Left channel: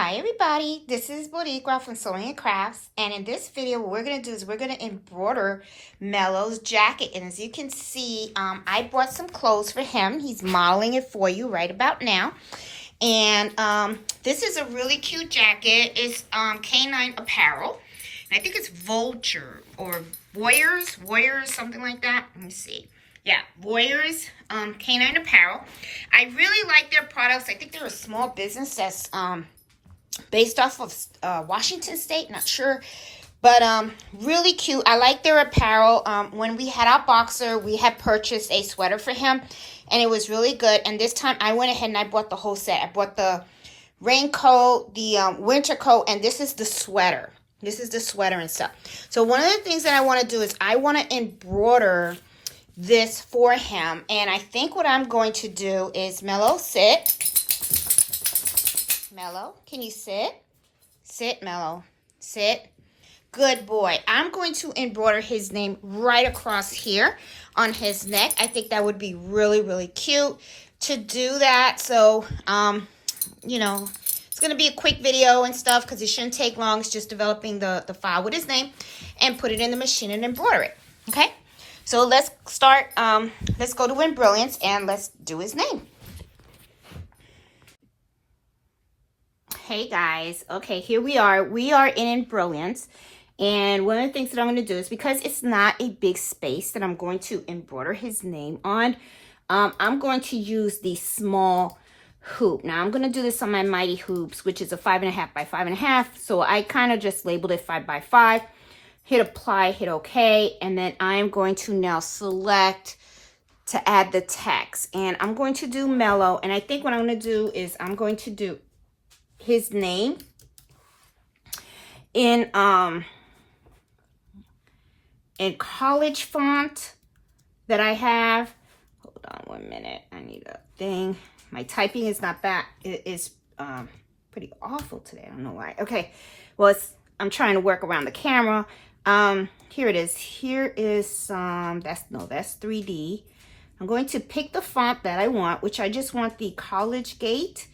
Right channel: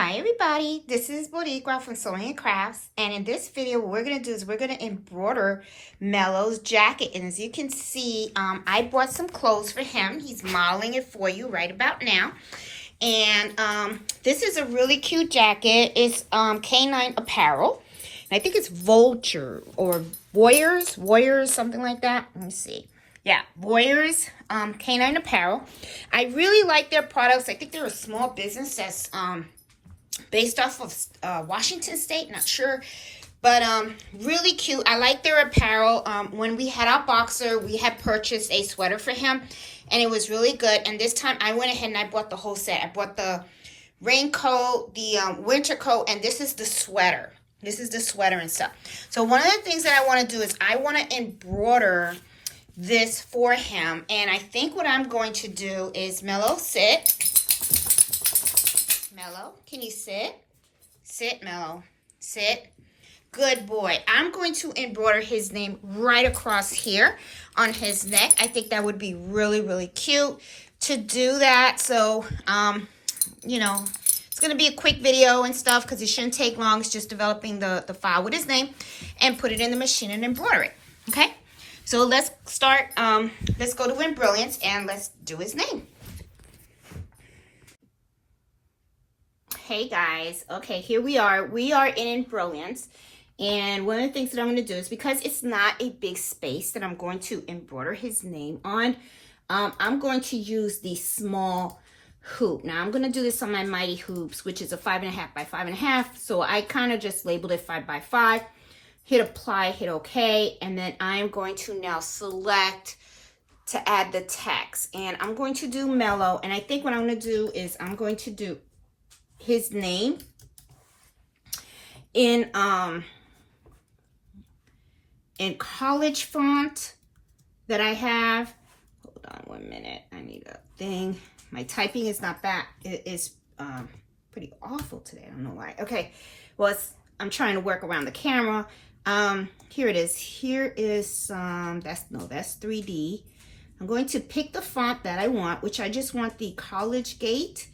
Hi everybody, this is Boricua from Sewing and Crafts, and in this video what we're going to do is we're going to embroider Mello's jacket. And as you can see, I bought some clothes for him. He's modeling it for you right about now. And this is a really cute jacket. It's Canine Apparel. And I think it's Vulture or Warriors, something like that. Let me see. Yeah, Warriors Canine Apparel. I really like their products. I think they're a small business that's based off of Washington State, not sure, but really cute. I like their apparel. When we had our boxer, we had purchased a sweater for him, and it was really good. And this time I went ahead and I bought the whole set. I bought the raincoat, the winter coat, and this is the sweater. This is the sweater and stuff. So one of the things that I want to do is I want to embroider this for him, and I think what I'm going to do is Mello, sit. Mello, can you sit? Sit, Mello. Sit. Good boy. I'm going to embroider his name right across here on his neck. I think that would be really, really cute to do that. So, you know, it's going to be a quick video and stuff because it shouldn't take long. It's just developing the file with his name and put it in the machine and embroider it. Okay? So let's start. Let's go to Embrilliance and let's do his name. Hey guys, okay, here we are. We are in Embrilliance, and one of the things that I'm going to do is, because it's not a big space that I'm going to embroider his name on, I'm going to use the small hoop. Now I'm going to do this on my Mighty Hoops, which is a 5.5 by 5.5. So I kind of just labeled it 5 by 5. Hit apply, hit OK, and then I'm going to now select to add the text, and I'm going to do Mello. And I think what I'm going to do is I'm going to do his name in college font that I have. Hold on 1 minute. I need a thing. My typing is not bad. It is pretty awful today. I don't know why. Okay. Well, I'm trying to work around the camera. Here it is. Here is that's 3D. I'm going to pick the font that I want, which I just want the College Gate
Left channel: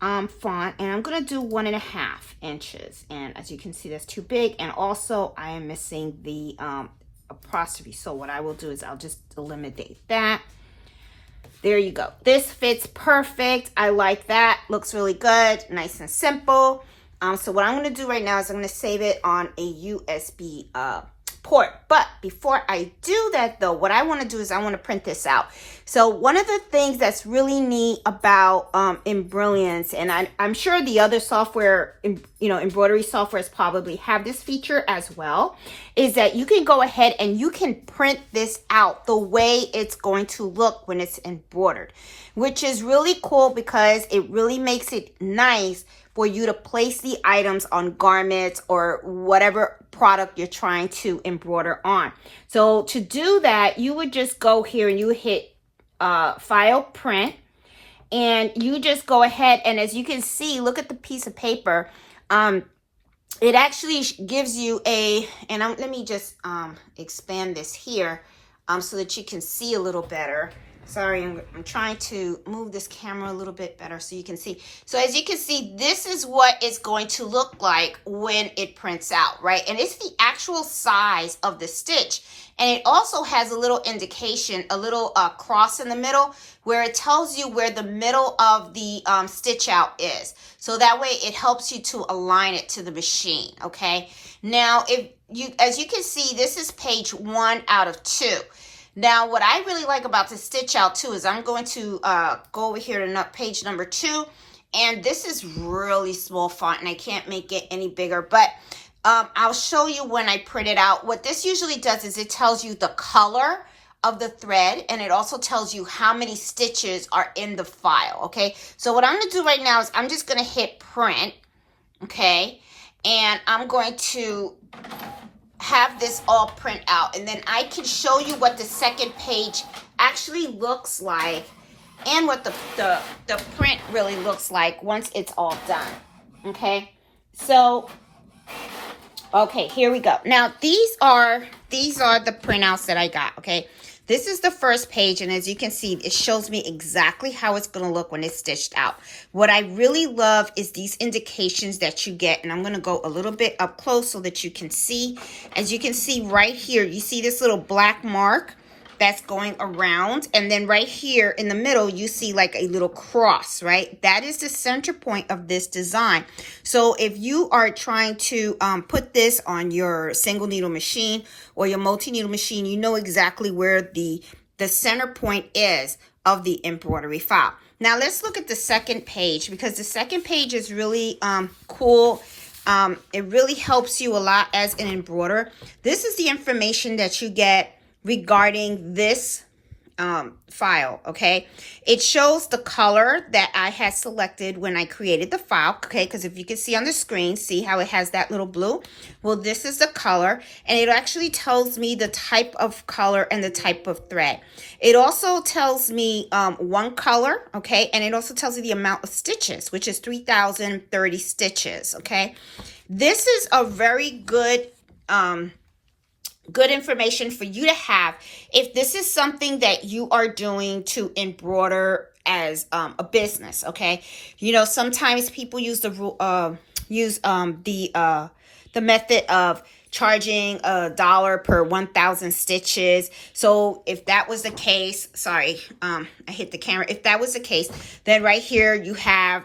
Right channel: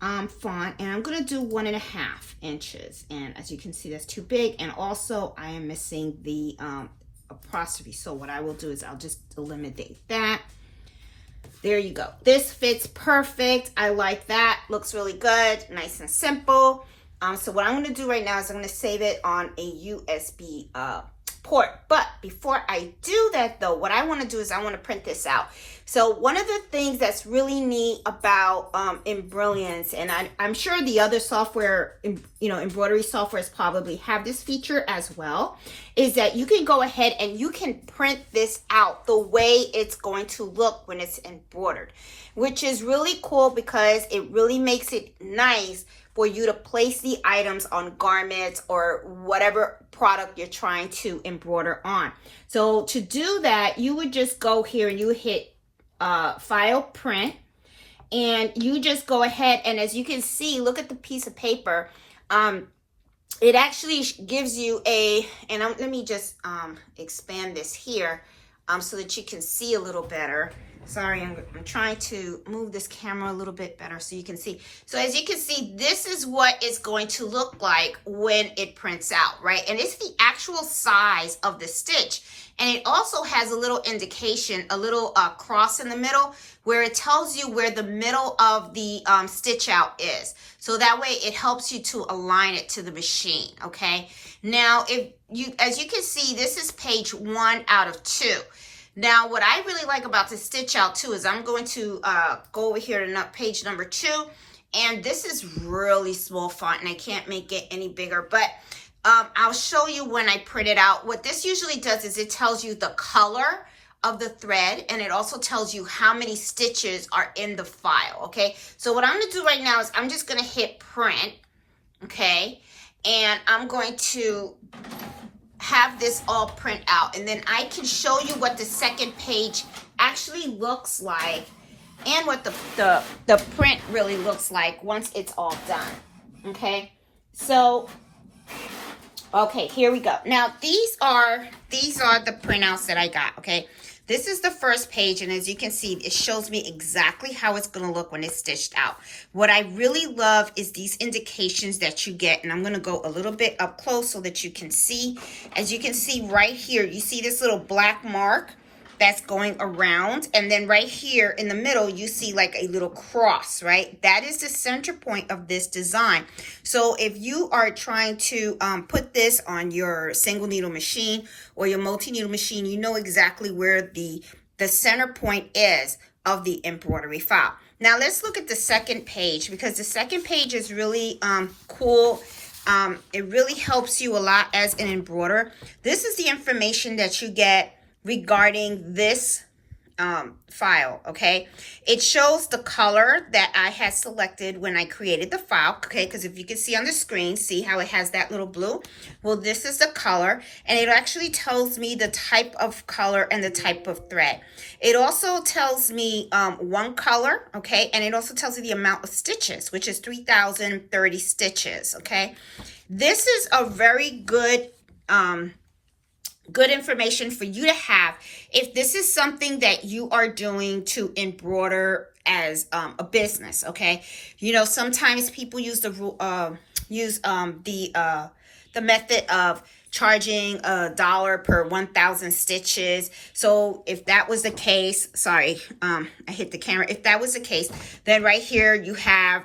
font, and I'm going to do 1.5 inches. And as you can see, that's too big. And also I am missing the apostrophe. So what I will do is I'll just eliminate that. There you go. This fits perfect. I like that. Looks really good. Nice and simple. So what I'm going to do right now is I'm going to save it on a USB port. But before I do that though, what I want to do is I want to print this out. So one of the things that's really neat about Embrilliance, and I'm sure the other software, embroidery softwares probably have this feature as well, is that you can go ahead and you can print this out the way it's going to look when it's embroidered, which is really cool because it really makes it nice for you to place the items on garments or whatever product you're trying to embroider on. So to do that, you would just go here and you hit file, print, and you just go ahead, and as you can see, look at the piece of paper. It actually gives you let me just expand this here so that you can see a little better. Sorry, I'm trying to move this camera a little bit better so you can see. So as you can see, this is what it's going to look like when it prints out, right? And it's the actual size of the stitch. And it also has a little indication, a little cross in the middle where it tells you where the middle of the stitch out is. So that way it helps you to align it to the machine, okay? Now, as you can see, this is page 1 out of 2. Now, what I really like about the stitch out too is I'm going to go over here to page number 2, and this is really small font, and I can't make it any bigger, but I'll show you when I print it out. What this usually does is it tells you the color of the thread, and it also tells you how many stitches are in the file, okay? So what I'm going to do right now is I'm just going to hit print, okay? And I'm going to have this all print out, and then I can show you what the second page actually looks like and what the print really looks like once it's all done, okay? So okay, here we go. Now these are the printouts that I got, okay? This is the first page, and as you can see, it shows me exactly how it's going to look when it's stitched out. What I really love is these indications that you get, and I'm going to go a little bit up close so that you can see. As you can see right here, you see this little black mark that's going around, and then right here in the middle you see like a little cross, right? That is the center point of this design. So if you are trying to put this on your single needle machine or your multi-needle machine, you know exactly where the center point is of the embroidery file. Now let's look at the second page, because the second page is really cool. It really helps you a lot as an embroiderer. This is the information that you get regarding this file, okay? It shows the color that I had selected when I created the file, okay? Because if you can see on the screen, see how it has that little blue? Well, this is the color, and it actually tells me the type of color and the type of thread. It also tells me one color, okay? And it also tells you the amount of stitches, which is 3,030 stitches, okay? This is a very good information for you to have if this is something that you are doing to embroider as a business, okay? You know, sometimes people use the method of charging $1 per 1,000 stitches. So if that was the case, sorry, I hit the camera. If that was the case, then right here you have,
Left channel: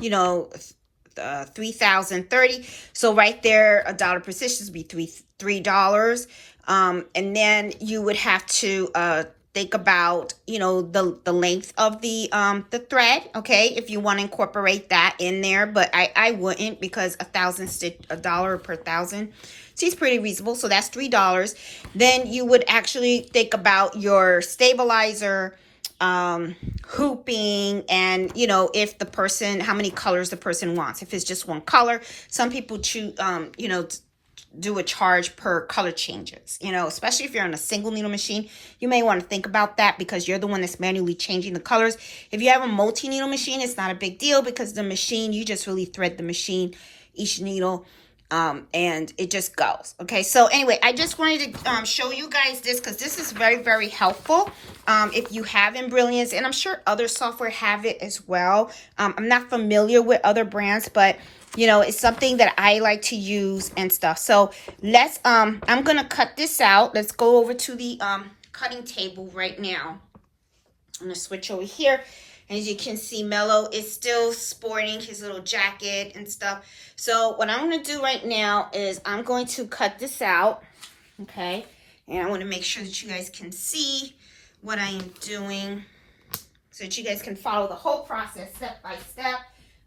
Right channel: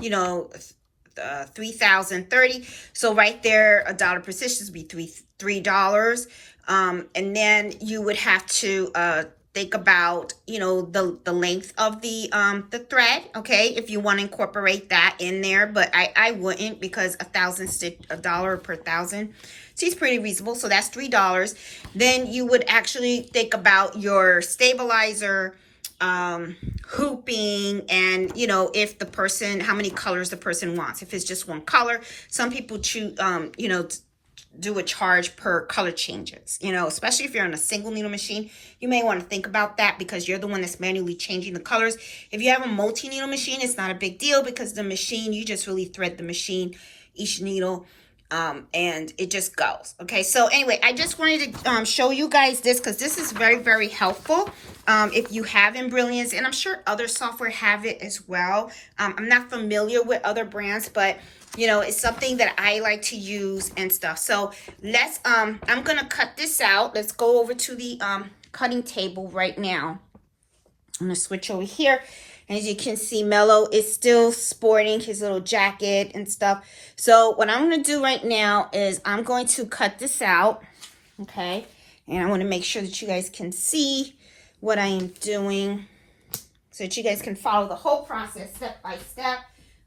you know, 3,030. So right there, $1 per stitch would be $3. And then you would have to think about, you know, the length of the thread, okay, if you want to incorporate that in there. But I wouldn't, because $1 per 1,000 seems pretty reasonable. So that's $3. Then you would actually think about your stabilizer, hooping, and you know, if the person, how many colors the person wants. If it's just one color, some people choose, you know, do a charge per color changes, you know, especially if you're on a single needle machine. You may want to think about that, because you're the one that's manually changing the colors. If you have a multi-needle machine, it's not a big deal, because the machine, you just really thread the machine, each needle, and it just goes. Okay, so anyway, I just wanted to show you guys this, because this is very, very helpful if you have Embrilliance, and I'm sure other software have it as well. I'm not familiar with other brands, but you know, it's something that I like to use and stuff. So let's I'm gonna cut this out. Let's go over to the cutting table right now. I'm gonna switch over here. As you can see, Mello is still sporting his little jacket and stuff. So what I'm going to do right now is I'm going to cut this out, okay? And I want to make sure that you guys can see what I am doing, so that you guys can follow the whole process step by step.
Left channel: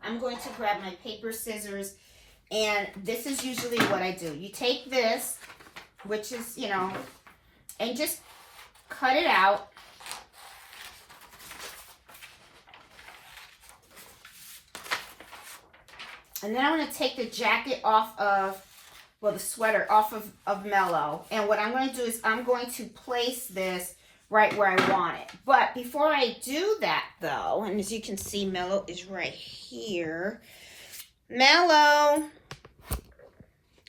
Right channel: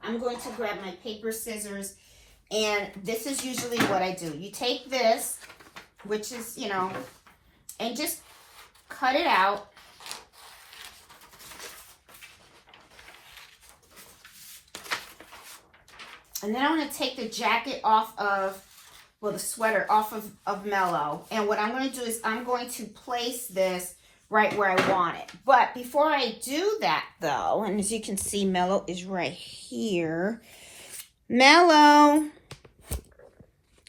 I'm going to grab my paper scissors, and this is usually what I do. You take this, which is, you know, and just cut it out. And then I'm going to take the jacket off of, well, the sweater off of Mello. And what I'm going to do is I'm going to place this right where I want it. But before I do that, though, and as you can see, Mello is right here. Mello,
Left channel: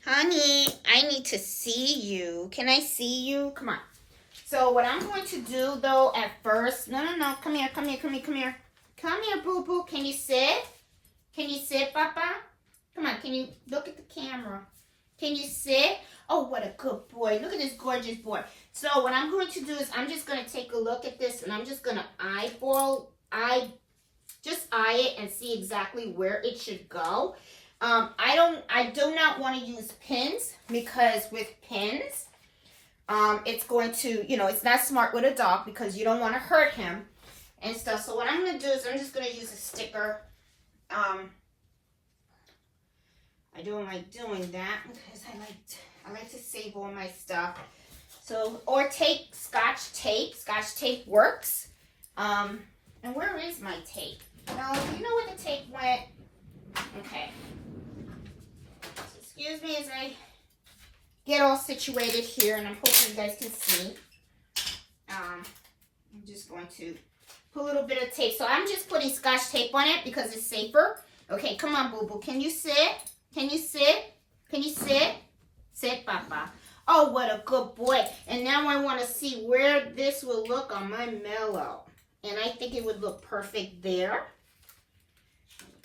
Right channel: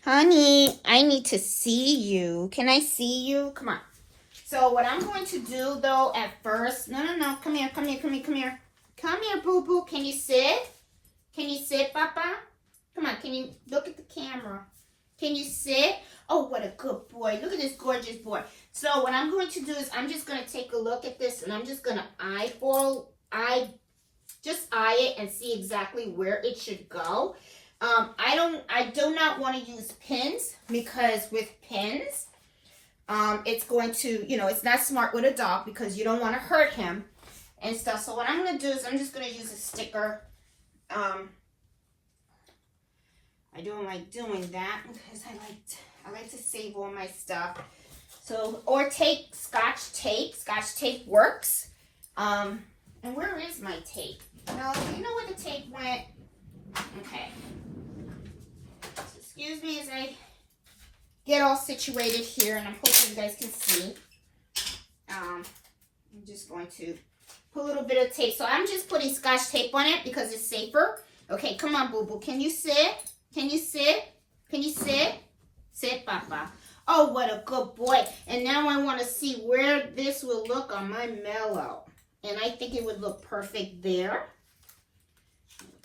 honey, I need to see you. Can I see you? Come on. So what I'm going to do, though, at first, no, come here. Come here, boo-boo. Can you sit? Can you sit, Papa? Come on, can you look at the camera? Can you sit? Oh, what a good boy. Look at this gorgeous boy. So what I'm going to do is I'm just going to take a look at this, and I'm just going to just eye it and see exactly where it should go. I do not want to use pins, because with pins, it's going to, you know, it's not smart with a dog, because you don't want to hurt him and stuff. So what I'm going to do is I'm just going to use a sticker. I don't like doing that, because I like to save all my stuff. So, or tape, Scotch tape. Scotch tape works. And where is my tape? Well, do you know where the tape went? Okay. So excuse me as I get all situated here, and I'm hoping you guys can see. I'm just going to put a little bit of tape. So I'm just putting Scotch tape on it because it's safer. Okay, come on, boo-boo. Can you sit? Can you sit? Can you sit? Sit, Papa. Oh, what a good boy. And now I want to see where this will look on my Mellow. And I think it would look perfect there.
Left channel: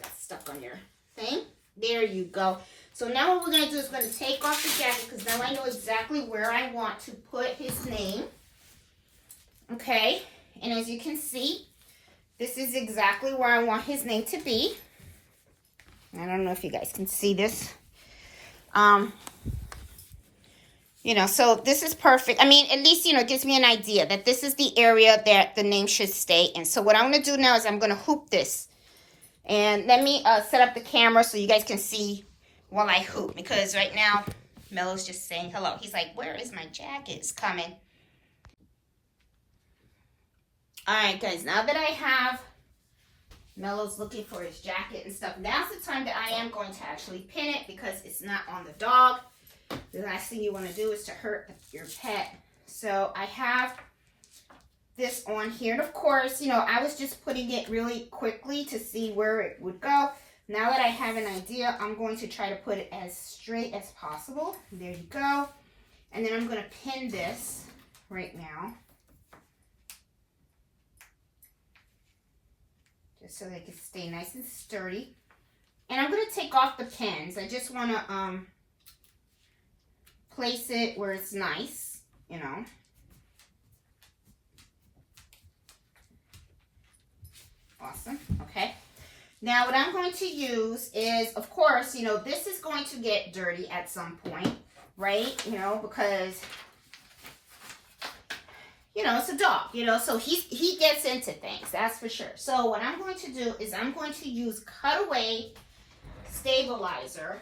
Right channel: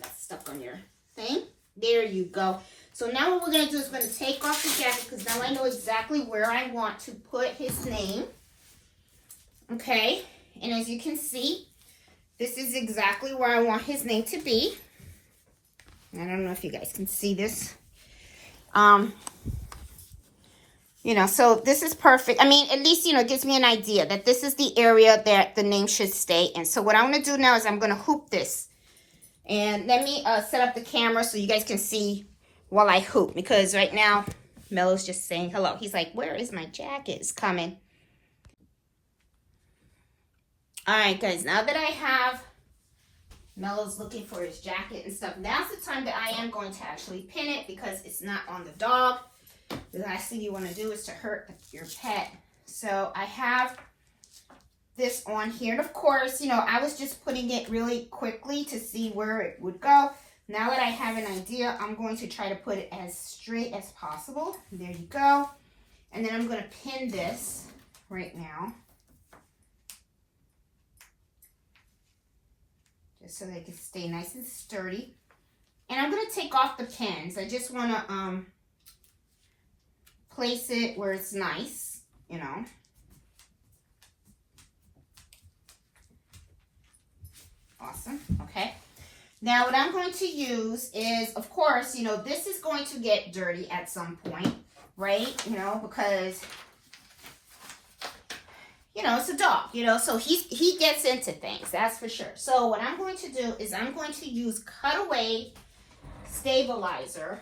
Got stuck on your thing. There you go. So now what we're going to do is going to take off the jacket because now I know exactly where I want to put his name. Okay. And as you can see, this is exactly where I want his name to be. I don't know if you guys can see this. You know, so this is perfect. I mean, at least, you know, it gives me an idea that this is the area that the name should stay in. So what I'm going to do now is I'm going to hoop this. And let me set up the camera so you guys can see while I hoop. Because right now, Mellow's just saying hello. He's like, where is my jacket? It's coming. All right, guys. Now that I have Mellow's looking for his jacket and stuff, now's the time that I am going to actually pin it because it's not on the dog. The last thing you want to do is to hurt your pet. So I have this on here. And of course, you know, I was just putting it really quickly to see where it would go. Now that I have an idea, I'm going to try to put it as straight as possible. There you go. And then I'm going to pin this right now. Just so they can stay nice and sturdy. And I'm going to take off the pins. I just want to place it where it's nice, you know. Awesome. Okay. Now what I'm going to use is, of course, you know, this is going to get dirty at some point, right? You know, because, you know, it's a dog, you know, so he gets into things, that's for sure. So what I'm going to do is I'm going to use cutaway stabilizer.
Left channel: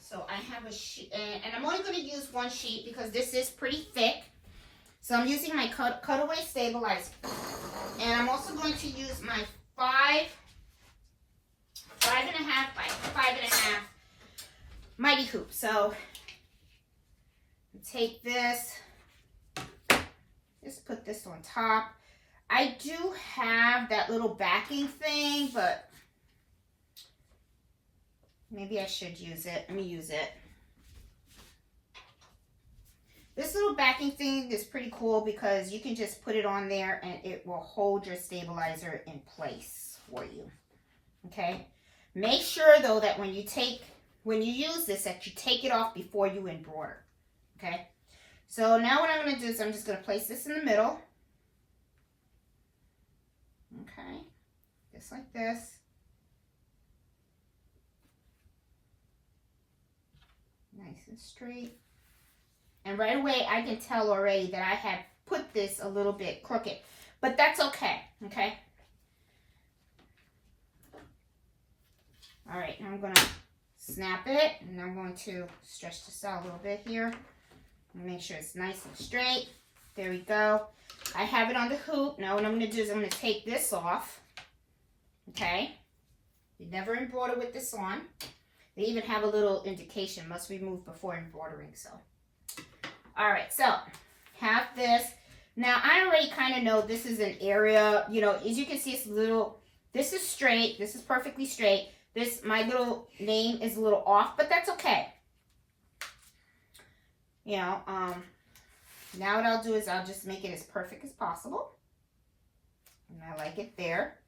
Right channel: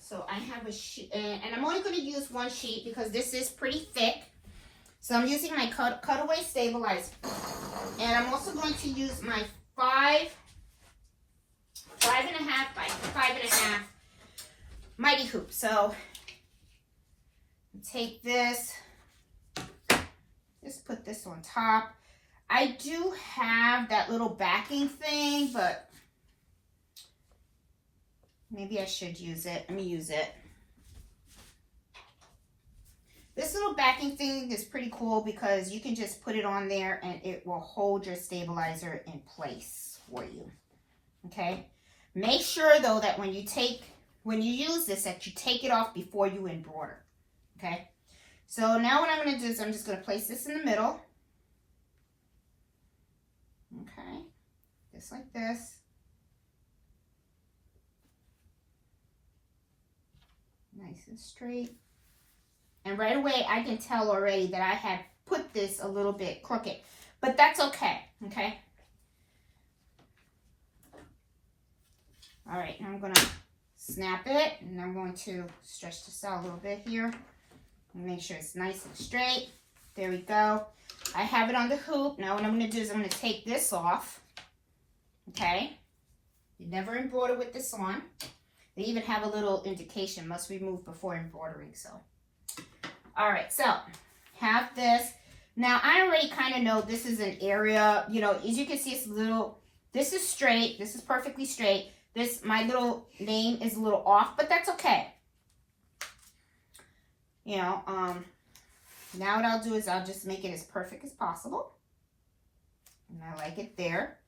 So I have a sheet, and I'm only going to use one sheet because this is pretty thick. So I'm using my cutaway stabilizer. And I'm also going to use my 5.5 by 5.5 mighty hoop. So take this, just put this on top. I do have that little backing thing, but maybe I should use it. Let me use it. This little backing thing is pretty cool because you can just put it on there and it will hold your stabilizer in place for you. Okay? Make sure though that when you use this, that you take it off before you embroider. Okay? So now what I'm going to do is I'm just going to place this in the middle. Okay? Just like this. Nice and straight. And right away, I can tell already that I had put this a little bit crooked. But that's okay, okay? All right, now I'm going to snap it. And I'm going to stretch this out a little bit here. And make sure it's nice and straight. There we go. I have it on the hoop. Now what I'm going to do is I'm going to take this off. Okay? You never embroider with this on. They even have a little indication, must remove before embroidering, so. All right, so have this. Now, I already kind of know this is an area, you know, as you can see, it's a little, this is straight. This is perfectly straight. My little name is a little off, but that's okay. You know, now what I'll do is I'll just make it as perfect as possible. And I like it there.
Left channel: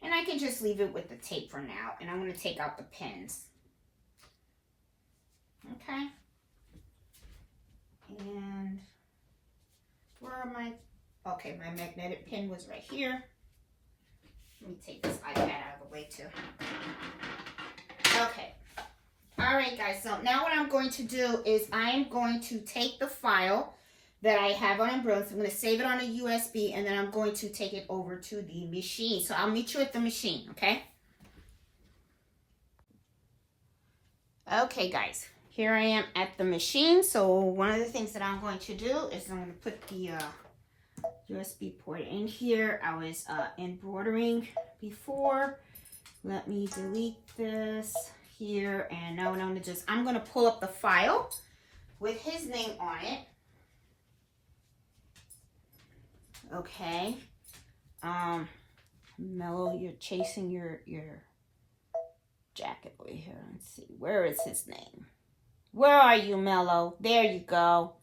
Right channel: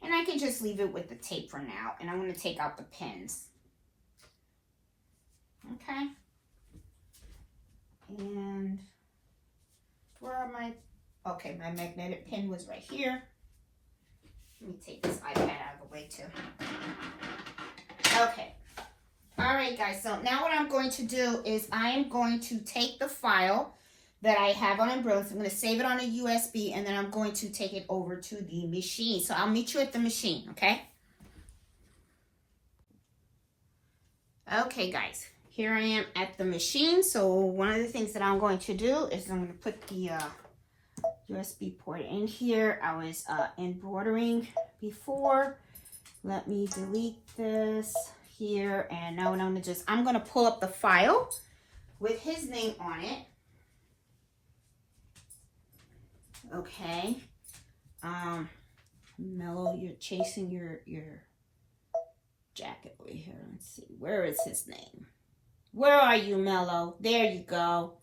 And I can just leave it with the tape for now. And I'm going to take out the pins. Okay. And where are my, okay, my magnetic pin was right here. Let me take this iPad out of the way too. Okay. All right, guys. So now what I'm going to do is I'm going to take the file that I have on Embroidering. So I'm going to save it on a USB and then I'm going to take it over to the machine. So I'll meet you at the machine, okay? Okay, guys. Here I am at the machine. So one of the things that I'm going to do is I'm going to put the USB port in here. I was embroidering before. Let me delete this here. And now what I'm going to do is I'm going to pull up the file with his name on it. Okay. Mellow, you're chasing your jacket over here. Let's see. Where is his name? Where are you, Mellow? There you go.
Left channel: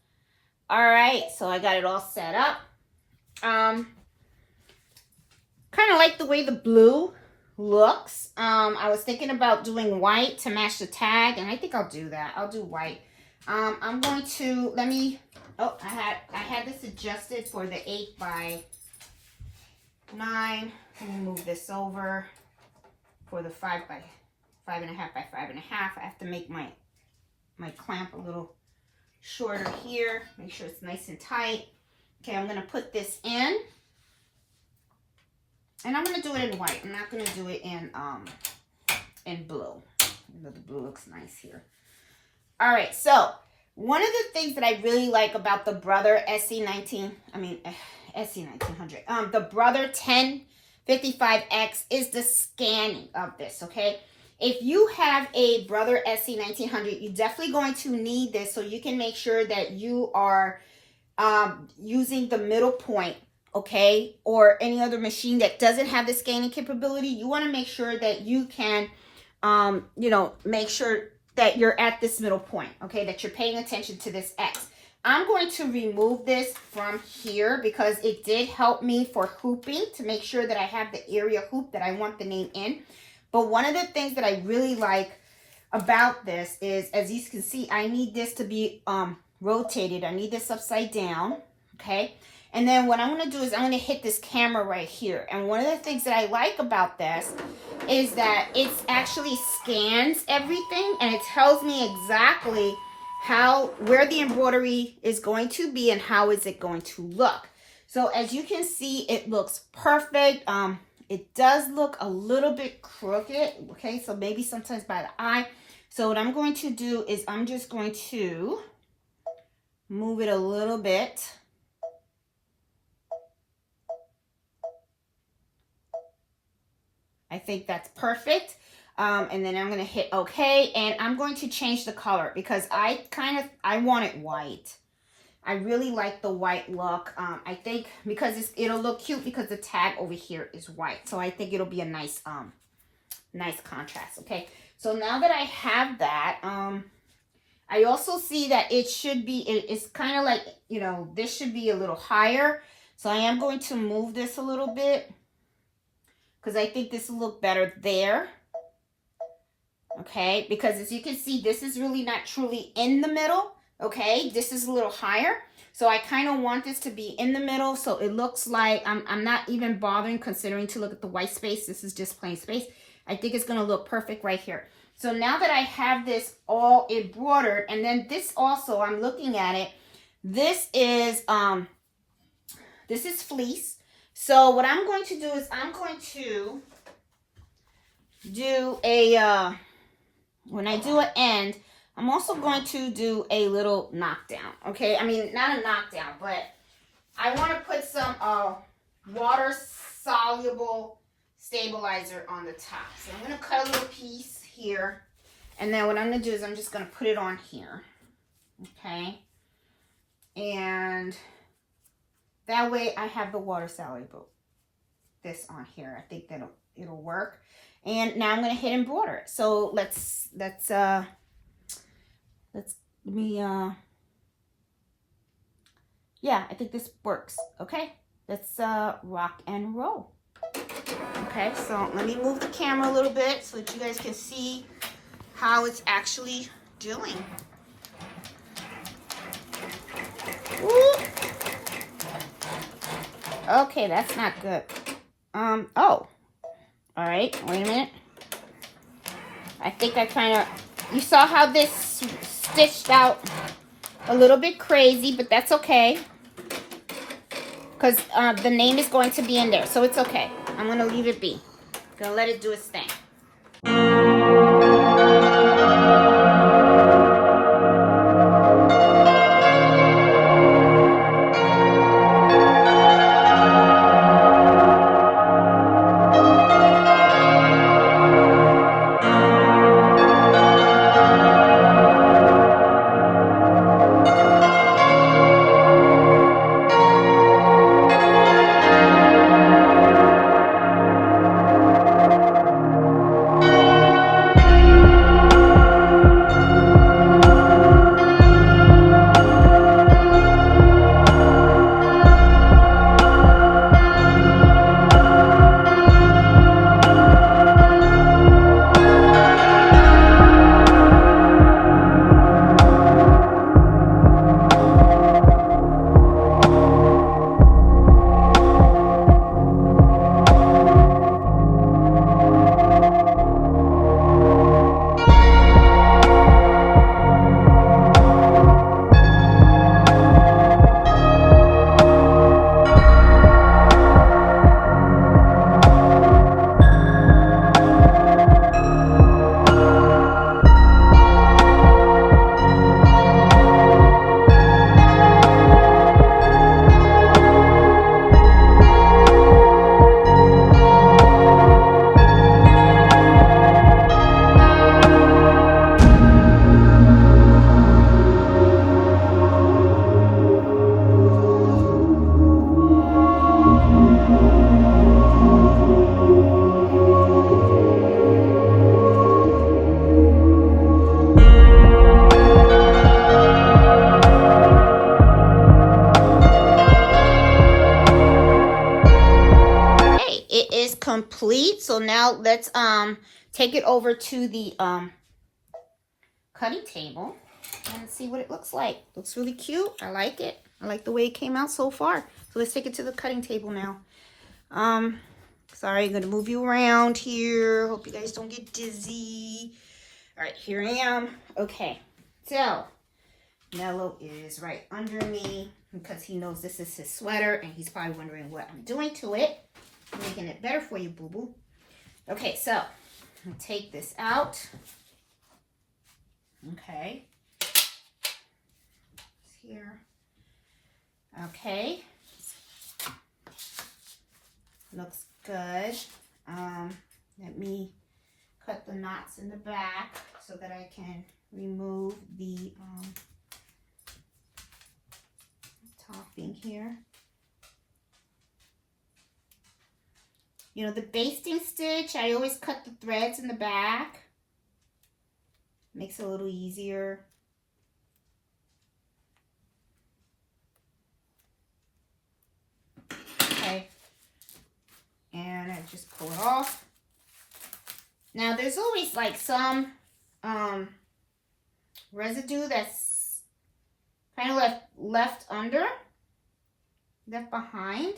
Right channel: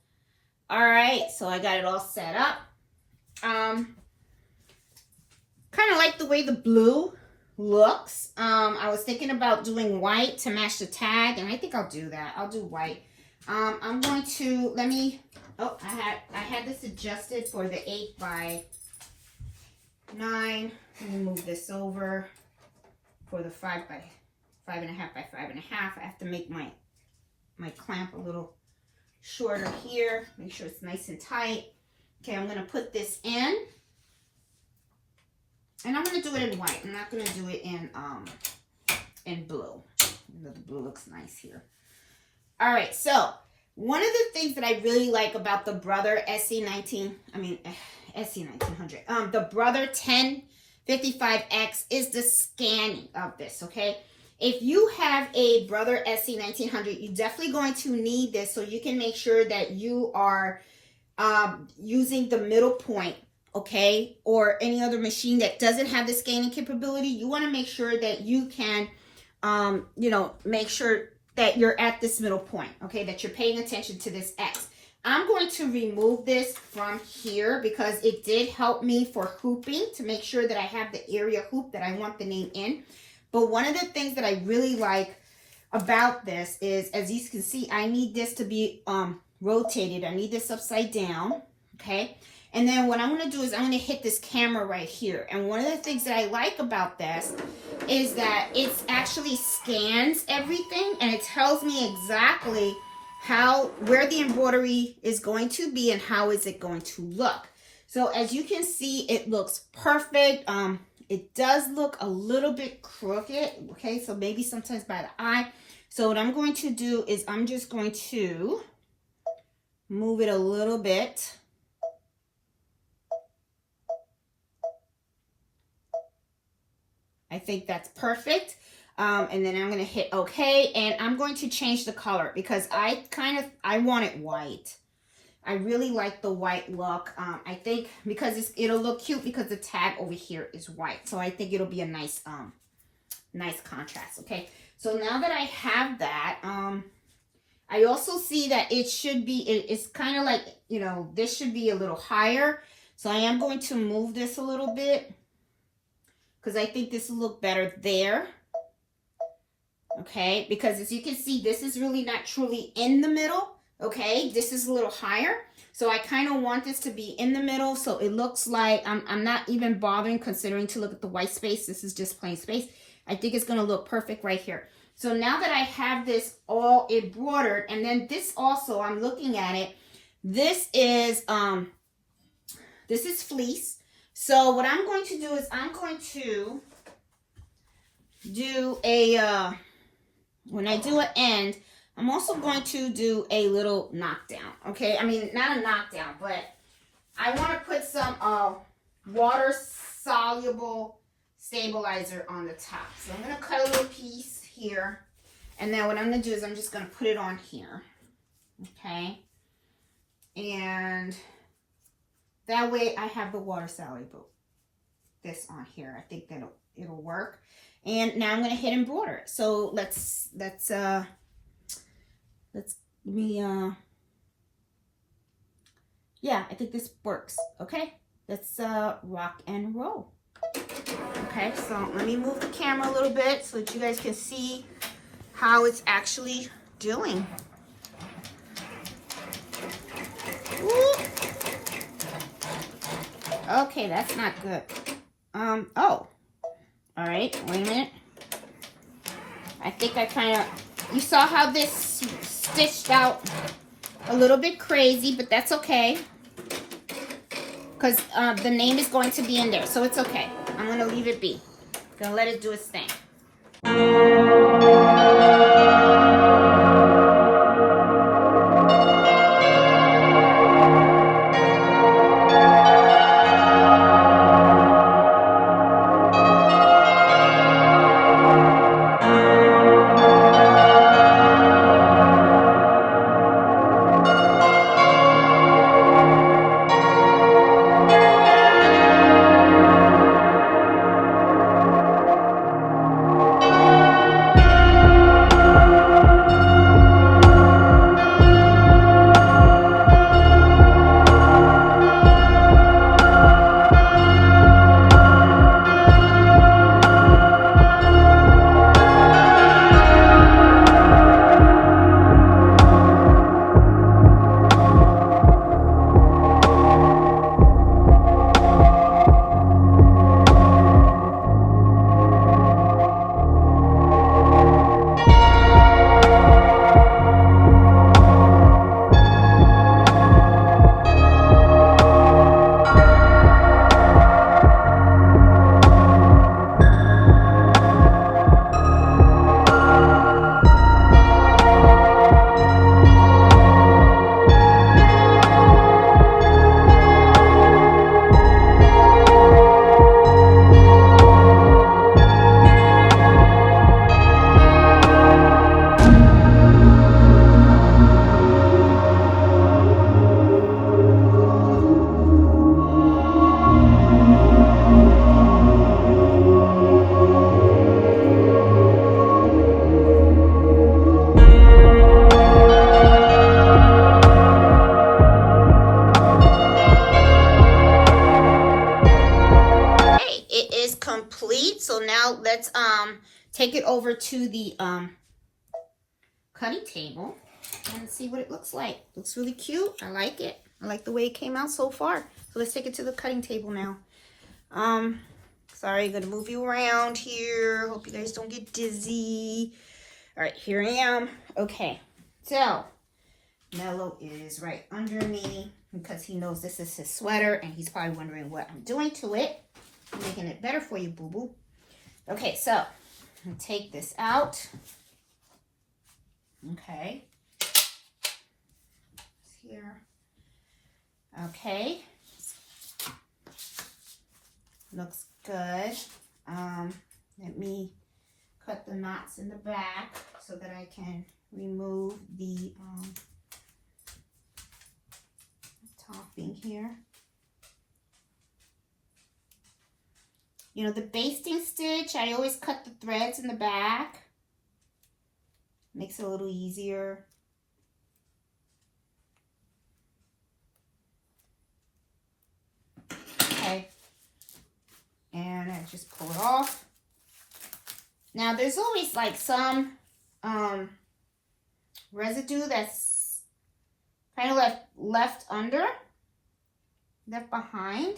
All right, so I got it all set up. Kind of like the way the blue looks. I was thinking about doing white to match the tag, and I think I'll do that. I'll do white. I'm going to, I had this adjusted for the 8x9. Let me move this over for the 5.5 by 5.5 by 5.5. I have to make my clamp a little shorter here. Make sure it's nice and tight. Okay, I'm going to put this in. And I'm going to do it in white. I'm not going to do it in blue. The blue looks nice here. All right, so one of the things that I really like about the Brother SC1900, the Brother 1055X is the scanning of this, okay? If you have a Brother SC1900, you're definitely going to need this so you can make sure that you are using the middle point, okay? Or any other machine that doesn't have the scanning capability. You want to make sure that you can, make sure that you're at this middle point, okay? That you're paying attention to this X. I'm going to remove this from here because it did help me for hooping to make sure that I have the area hoop that I want the name in. But one of the things that I really like about this is, as you can see, I need this to be rotated. I need this upside down, okay? And then what I'm going to do is I'm going to hit this camera right here. And one of the things that I like about this is that it actually scans everything and it tells me exactly where the embroidery is going to be and how is it going to look. So as you can see, it looks perfect. It does look a little bit crooked, okay? So maybe sometimes by the eye. So what I'm going to do is I'm just going to move it a little bit. I think that's perfect. And then I'm going to hit OK. And I'm going to change the color because I want it white. I really like the white look. I think because it'll look cute because the tag over here is white. So I think it'll be a nice contrast. Okay. So now that I have that, I also see that it should be, it's kind of like, this should be a little higher. So I am going to move this a little bit, because I think this will look better there. Okay, because as you can see, this is really not truly in the middle. Okay, this is a little higher. So I kind of want this to be in the middle. So it looks like I'm not even bothering considering to look at the white space. This is just plain space. I think it's going to look perfect right here. So now that I have this all embroidered, and then this also, I'm looking at it. This is fleece. So what I'm going to do is I'm going to do when I do an end, I'm also going to do a little knockdown, okay? I mean, not a knockdown, but I want to put some water-soluble stabilizer on the top. So I'm going to cut a little piece here, and then what I'm going to do is I'm just going to put it on here, okay? And that way I have the water-soluble, this on here. I think that it'll work. And now I'm going to hit embroider. So yeah, I think this works. Okay, let's rock and roll. Okay, so let me move the camera a little bit so that you guys can see how it's actually doing. Ooh. Okay, that's not good. Oh. All right, wait a minute. I think I you saw how this stitched out a little bit crazy, but that's okay. Because the name is going to be in there, so it's okay. I'm going to leave it be. Gonna let it do its thing. complete. So now let's take it over to the cutting table and see what it looks like. Looks really cute. I like it. I like the way it came out so far. So let's take it to the cutting table now. Sorry, I'm gonna move you around here. Hope you guys don't get dizzy. All right, here I am. Okay, so Mello is right under me because he knows this is his sweater and he's probably wondering what I'm doing to it. I'm making it better for you, boo-boo. Okay, so I'm gonna take this out. Okay. Here. Okay. Looks good. Let me cut the knots in the back so that I can remove the topping here. You know, the basting stitch, I always cut the threads in the back. Makes it a little easier. Okay. And I just pull it off. Now there's always like some residue that's kind of left behind.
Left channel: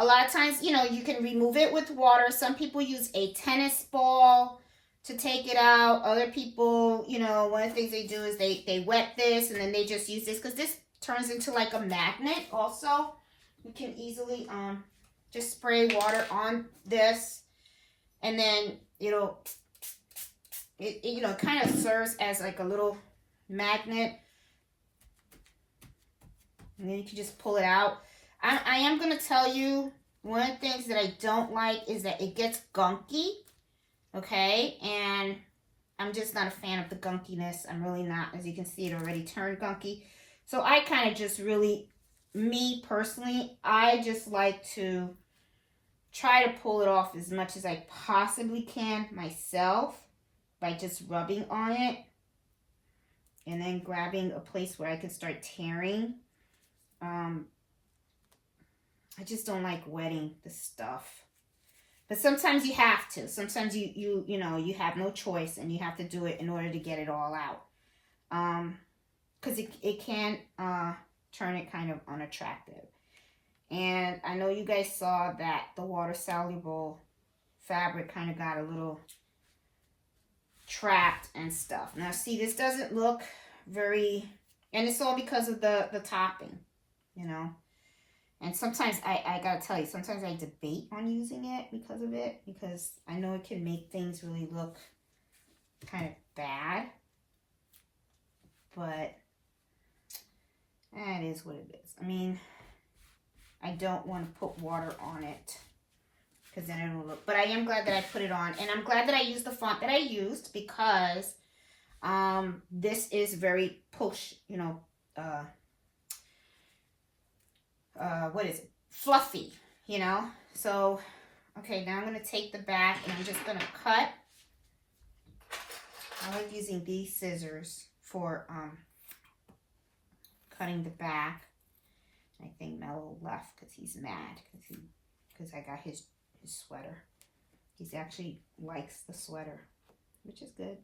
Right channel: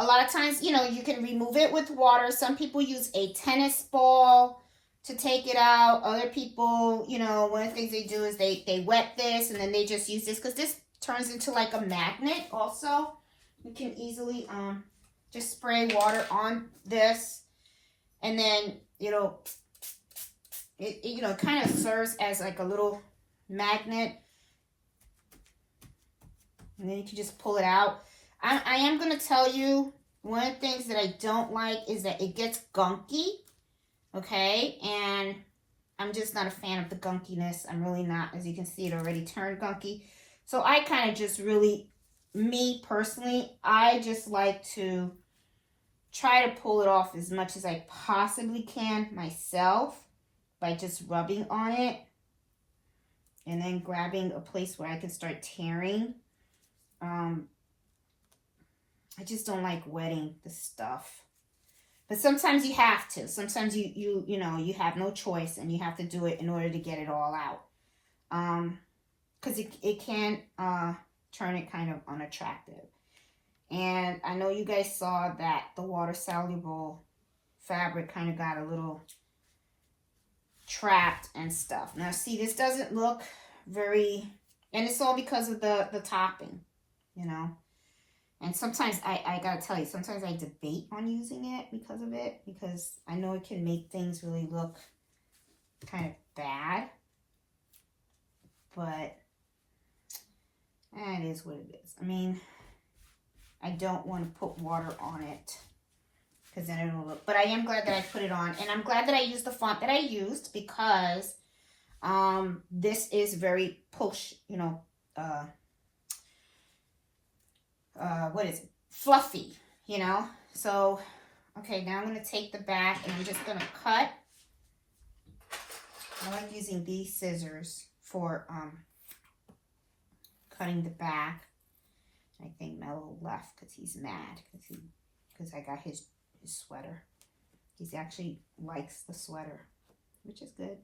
A lot of times, you know, you can remove it with water. Some people use a tennis ball to take it out. Other people, you know, one of the things they do is they wet this and then they just use this because this turns into like a magnet also. You can easily just spray water on this and then, you know, it you know, kind of serves as like a little magnet. And then you can just pull it out. I am going to tell you, one of the things that I don't like is that it gets gunky, okay? And I'm just not a fan of the gunkiness. I'm really not. As you can see, it already turned gunky. So I kind of just really, me personally, I just like to try to pull it off as much as I possibly can myself by just rubbing on it and then grabbing a place where I can start tearing. I just don't like wetting the stuff. But sometimes you have to. Sometimes you know, you have no choice and you have to do it in order to get it all out. Because it can turn it kind of unattractive. And I know you guys saw that the water-soluble fabric kind of got a little trapped and stuff. Now, see, this doesn't look very... And it's all because of the topping, you know. And sometimes, I gotta tell you, sometimes I debate on using it because of it. Because I know it can make things really look kind of bad. But that is what it is. I mean, I don't want to put water on it because then it'll look... But I am glad that I put it on. And I'm glad that I used the font that I used because this is very push, you know, what is it? Fluffy, you know? So, okay, now I'm going to take the back and I'm just going to cut. I like using these scissors for cutting the back. I think Mello left because he's mad because I got his sweater. He actually likes the sweater, which is good.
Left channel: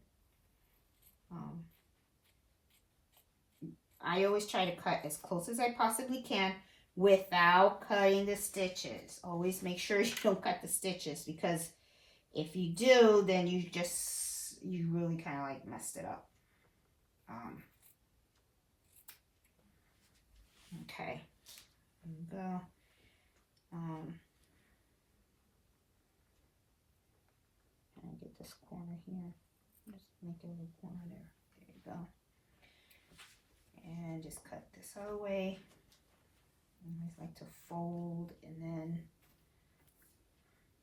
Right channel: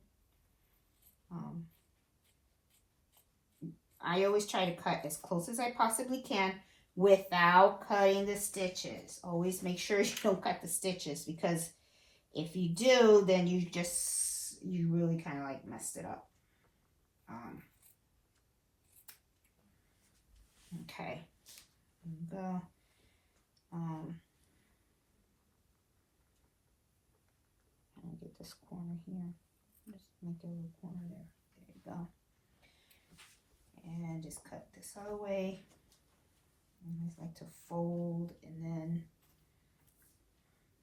I always try to cut as close as I possibly can without cutting the stitches. Always make sure you don't cut the stitches because if you do, then you really kind of like messed it up. Okay, there we go. And get this corner here. Just make a little corner there. There you go. And just cut this other way. I always like to fold and then,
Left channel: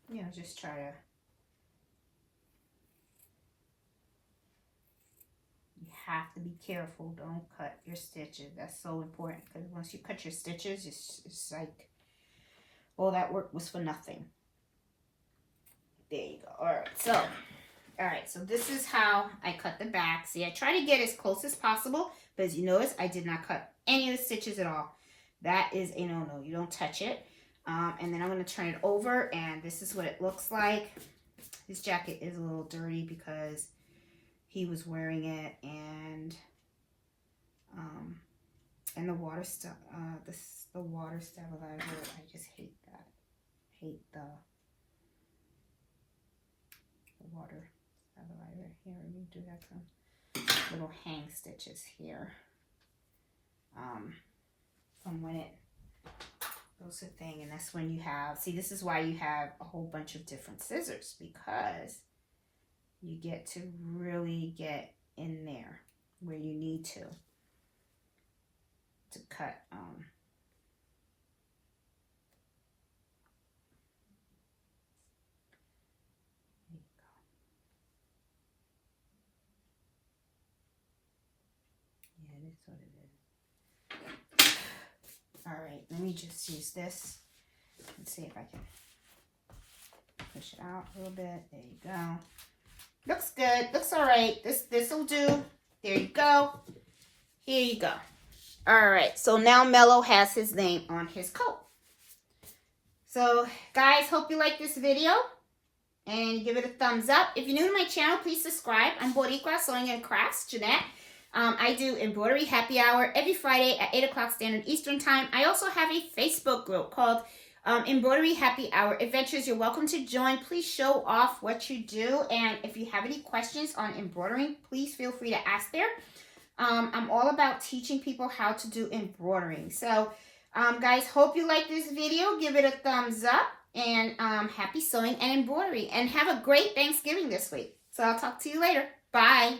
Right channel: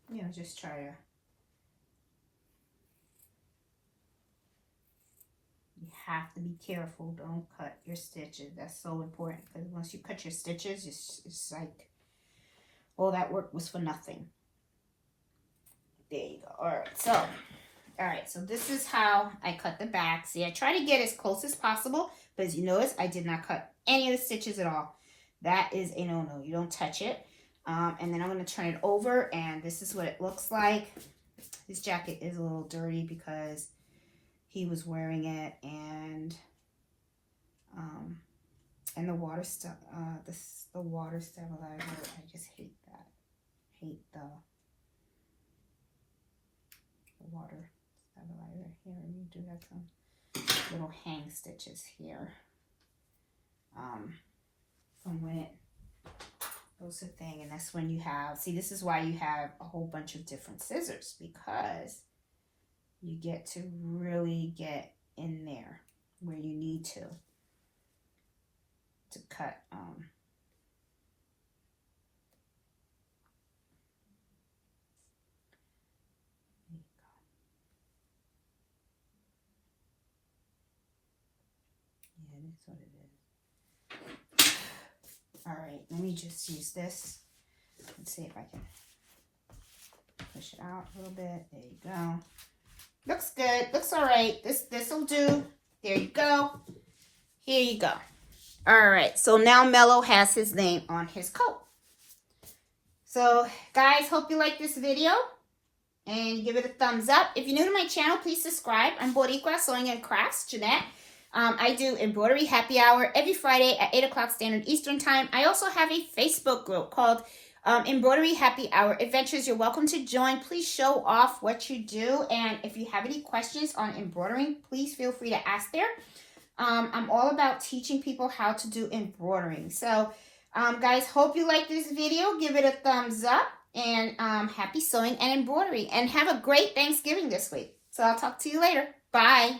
you know, just try to. You have to be careful. Don't cut your stitches. That's so important because once you cut your stitches, it's like all that work was for nothing. There you go. All right, so this is how I cut the back. See, I try to get as close as possible, but as you notice, I did not cut any of the stitches at all. That is a no-no. You don't touch it. And then I'm going to turn it over, and this is what it looks like. This jacket is a little dirty because he was wearing it, and the water stuff, the water stabilizer. I just hate that. Hate the water stabilizer. Here, let me do that. Some little hang stitches here. From when it goes the thing, and that's when you have. See, this is why you have a whole bunch of different scissors, because you get to really get in there where you need to cut. Yeah, that's what it is. All right, let me just use this and see if I can push it out a little bit. There you go. Looks good. Looks all right. This will do. There you go. Here you go. All right. So now Mello has his name on his coat. So guys, hope you like this video and give it a thumbs up. If you're new to my channel, please subscribe. I'm Boricua Sewing and Crafts, Jeanette. I do embroidery happy hour every Friday at 8 o'clock Standard Eastern Time. I also have a Facebook group called Embroidery Happy Hour Adventures. You're welcome to join. Please show off what you do. And if you have any questions on embroidering, please feel free to ask there. I'm all about teaching people how to do embroidering. So, guys, hope you like this video. Give it a thumbs up. And happy sewing and embroidery. And have a great Thanksgiving this week. So I'll talk to you later. Bye.